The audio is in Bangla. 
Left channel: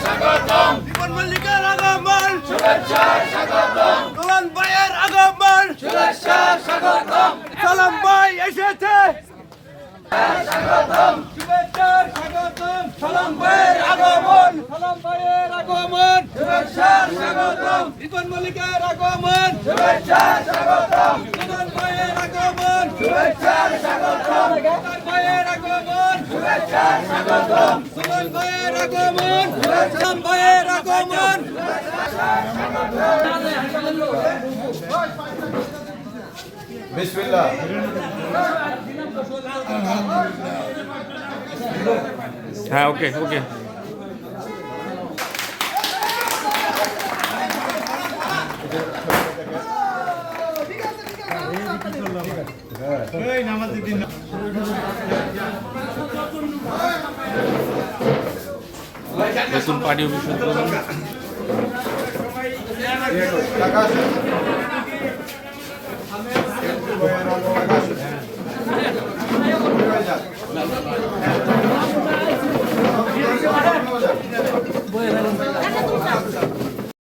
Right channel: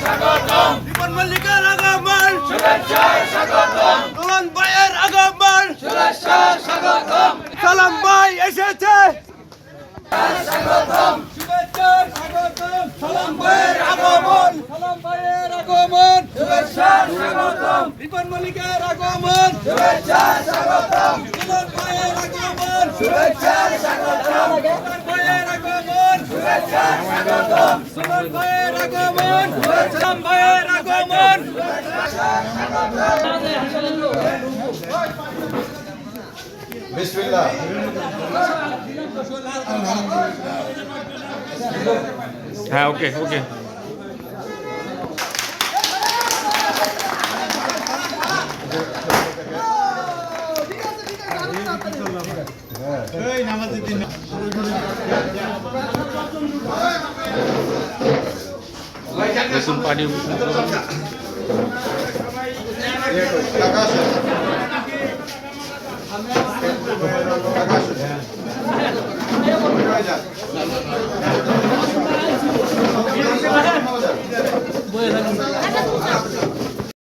রিপন মল্লিকের আগমন। দুলান ভাইয়ের আগমন। সালাম ভাই এসেছে। শুভেচ্ছা স্বাগতম। সালাম ভাইয়ের আগমন। সালাম ভাইয়ের আগমন। শুভেচ্ছা স্বাগতম। রিপন মল্লিকের আগমন। শুভেচ্ছা স্বাগতম। দুলান ভাইয়ের আগমন। শুভেচ্ছা স্বাগতম ভাইয়ের আগমন। বিসমিল্লাহ। হ্যাঁ ওকে ওকে। নতুন পার্টি টাকা দেখুন পানি বয়ে